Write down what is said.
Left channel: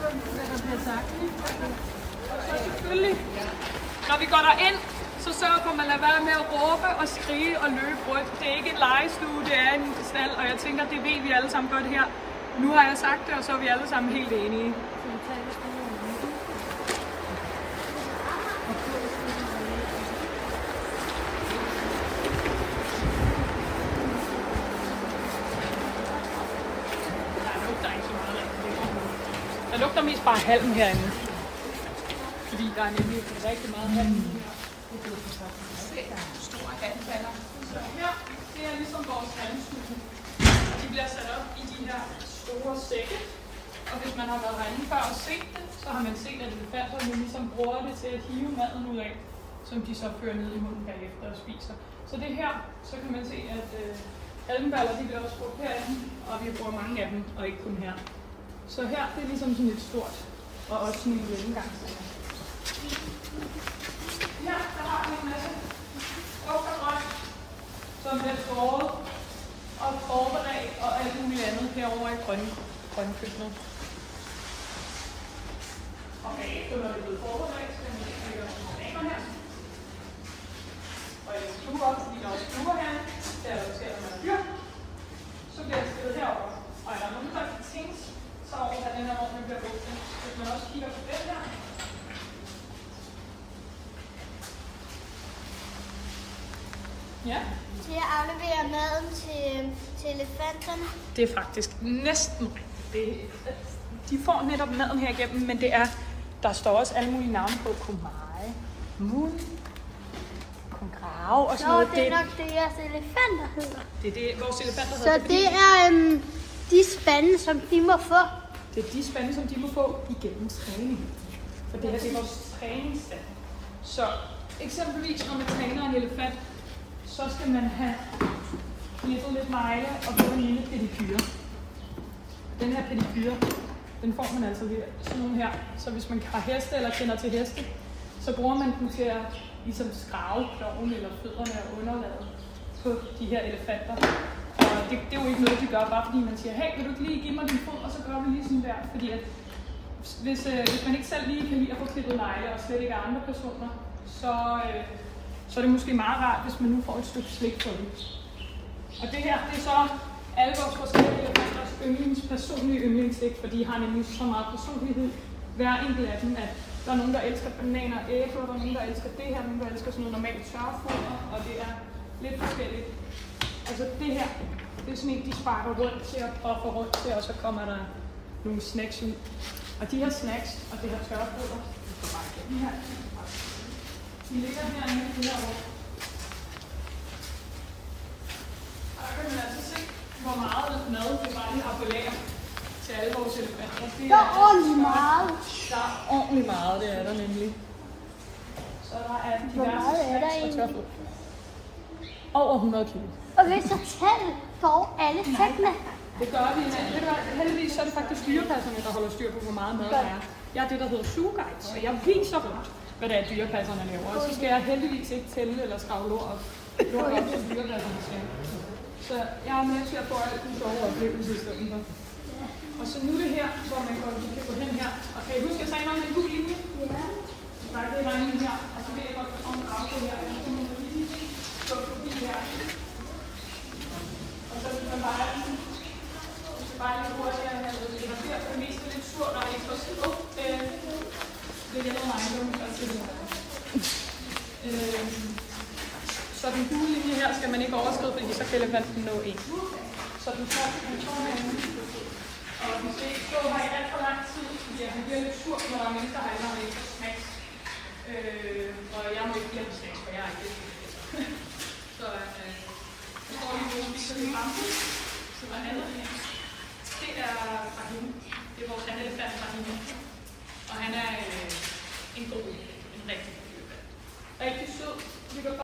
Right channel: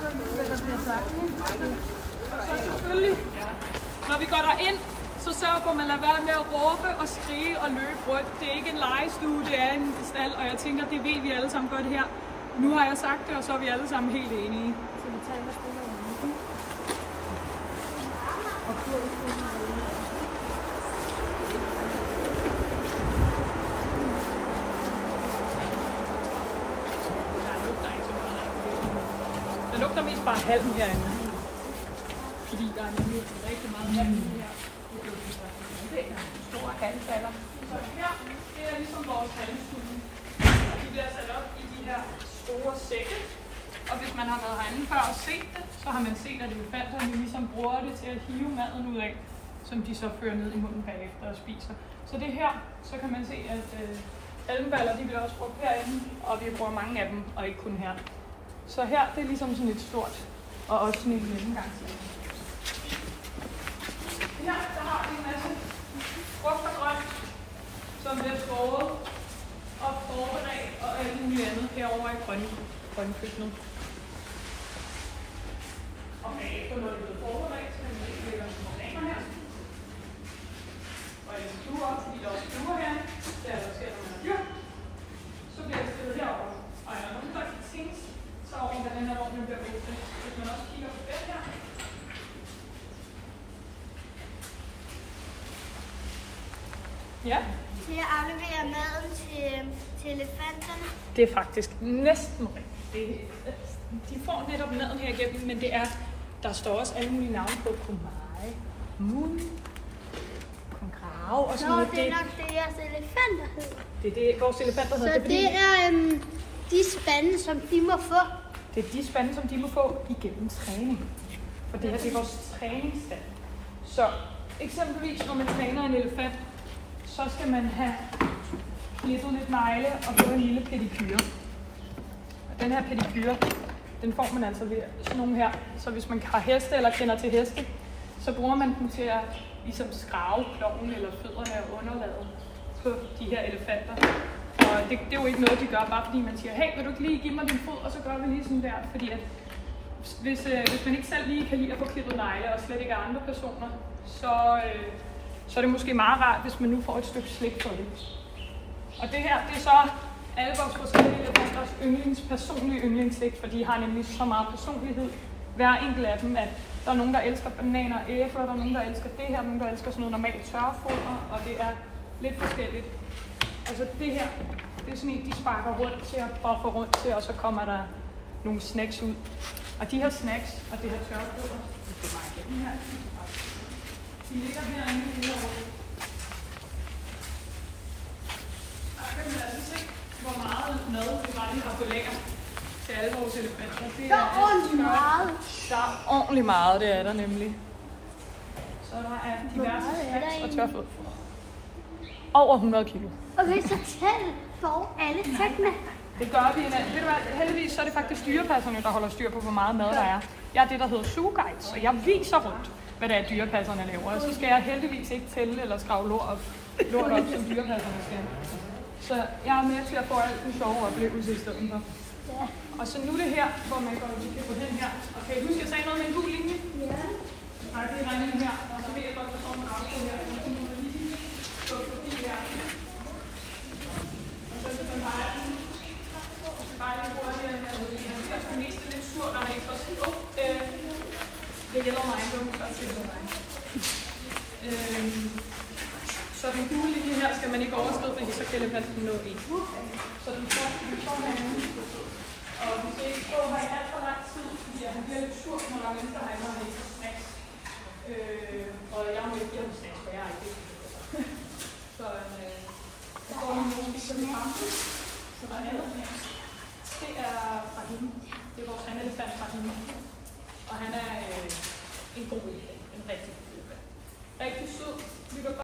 hvad der bliver sagt. Og så selvfølgelig, når vi går derind, så sørg for, at man lader være med at råbe og skrige og løbe rundt. Det er ikke en legestue, det er en stald, og jeg tænker, det ved vi alle sammen godt her. Nu har jeg sagt det, og så er vi alle sammen helt enige. Der ikke så meget af. Der lugter mest bare halm herinde. Fordi der er nemlig rigtig meget halm her. Det er store vandfalder. Så her, det er ligesom vores vandstue. De bliver sat op i de her store sække. Og hvis man har været herinde før og set det, så har man set, at elefanterne ligesom bruger det til at hive maden ud af, som de så fører ned i munden bagefter og spiser. Så det her, så kan man se, at elmballer, de bliver også brugt herinde, og vi bruger mange af dem, og ikke kun her. Så her, det er ligesom sådan et stort, og også sådan et gennemgangslag. Her, der har vi en masse frugt og grønt, som bliver skåret og forberedt, og alt muligt andet herovre i grønkøkkenet. Og bagefter, når det er blevet forberedt, så kan man lægge nogle bananer her. Og i stuer, fordi der er stuer her, der er også her, når man er dyr. Så bliver det stillet herovre. Og er der nogen, der kan tænke så over, hvad den her ovnen bliver brugt til. Hvis man også kigger på det her. Ja. De afleverer maden til elefanterne. Det er faktisk næsten rigtigt. De får netop maden her igennem, men det er, der står også alle mulige navne på mig, Mun, Grav og sådan noget. Det er nok det, jeres elefanter hedder. Det er det, vores elefanter hedder. Så det er de spande, som de må få. Det er de spande, som de må få igennem træning. For det er vores træningsstand. Så eksempelvis, når man træner en elefant, så skal man have klippet lidt negle og få en lille pedikyre. Den her pedikyre, den får man altså ved sådan nogle her. Så hvis man har heste eller kender til heste, så bruger man den til at ligesom skrave kloven eller fødderne og underlaget på de her elefanter. Og det er jo ikke noget, de gør, bare fordi man siger, hey, vil du ikke lige give mig din fod, og så gør vi lige sådan der. Fordi at hvis man ikke selv lige kan lide at få klippet negle, og slet ikke af andre personer, så er det måske meget rart, hvis man nu får et stykke slik på det. Og det her, det er så alle vores forskellige elefanters personlige yndlingsslik, for de har nemlig så meget personlighed, hver enkelt af dem, at der er nogen, der elsker bananer og æbler, der er nogen, der elsker det her, nogen, der elsker sådan noget normalt tørrefoder, og det er lidt forskelligt. Altså det her, det er sådan en, de sparker rundt til og propper rundt til, og så kommer der nogle snacks ud. Og de her snacks og det her tørrefoder, det går bare igennem her. De ligger herinde i det her rum. Og der kan man altså se, hvor meget mad vi bare lige har på lager til alle vores elefanter. Der er ordentligt meget. Der er ordentligt meget, det er der nemlig. Så der er diverse snacks og tørrefoder. Over 100 kilo. Og hvis jeg tæller for alle fængene. Det gør vi. Ved du hvad, heldigvis så er det faktisk dyrepasserne, der holder styr på, hvor meget mad der er. Jeg er det, der hedder Zooguide, og jeg viser rundt, hvad det er, dyrepasserne laver. Og så skal jeg heldigvis ikke tælle eller skrave lort op, som dyrepasserne skal. Så jeg er med til at få alt den sjove oplevelse i stedet for. Ja. Og så nu det her, hvor man kan gå hen her. Og kan I huske, at jeg sagde noget med en gul linje? Ja. Nej, det er inde her, og så ved jeg godt, at der står en afstand her. Så det her. Og så vil man bare lige hurtigt, at man bliver det meste lidt sur, når det ikke var sur. Det hjælper mig ikke, så den gule linje her skal man ikke overskride, fordi så kan elefanten nå en. Så den får herinde. Og vi skal ikke stå her i alt for lang tid, fordi han bliver lidt sur, når der er mennesker herinde, og han ikke har snacks. Og jeg må ikke give ham snacks, for jeg er ikke det. Så står vi nogle spiser i kampen. Så hvad andet her? Det er fra hende. Det er vores anden elefant fra hende. Og han er en god elefant. En rigtig god elefant. Rigtig sød.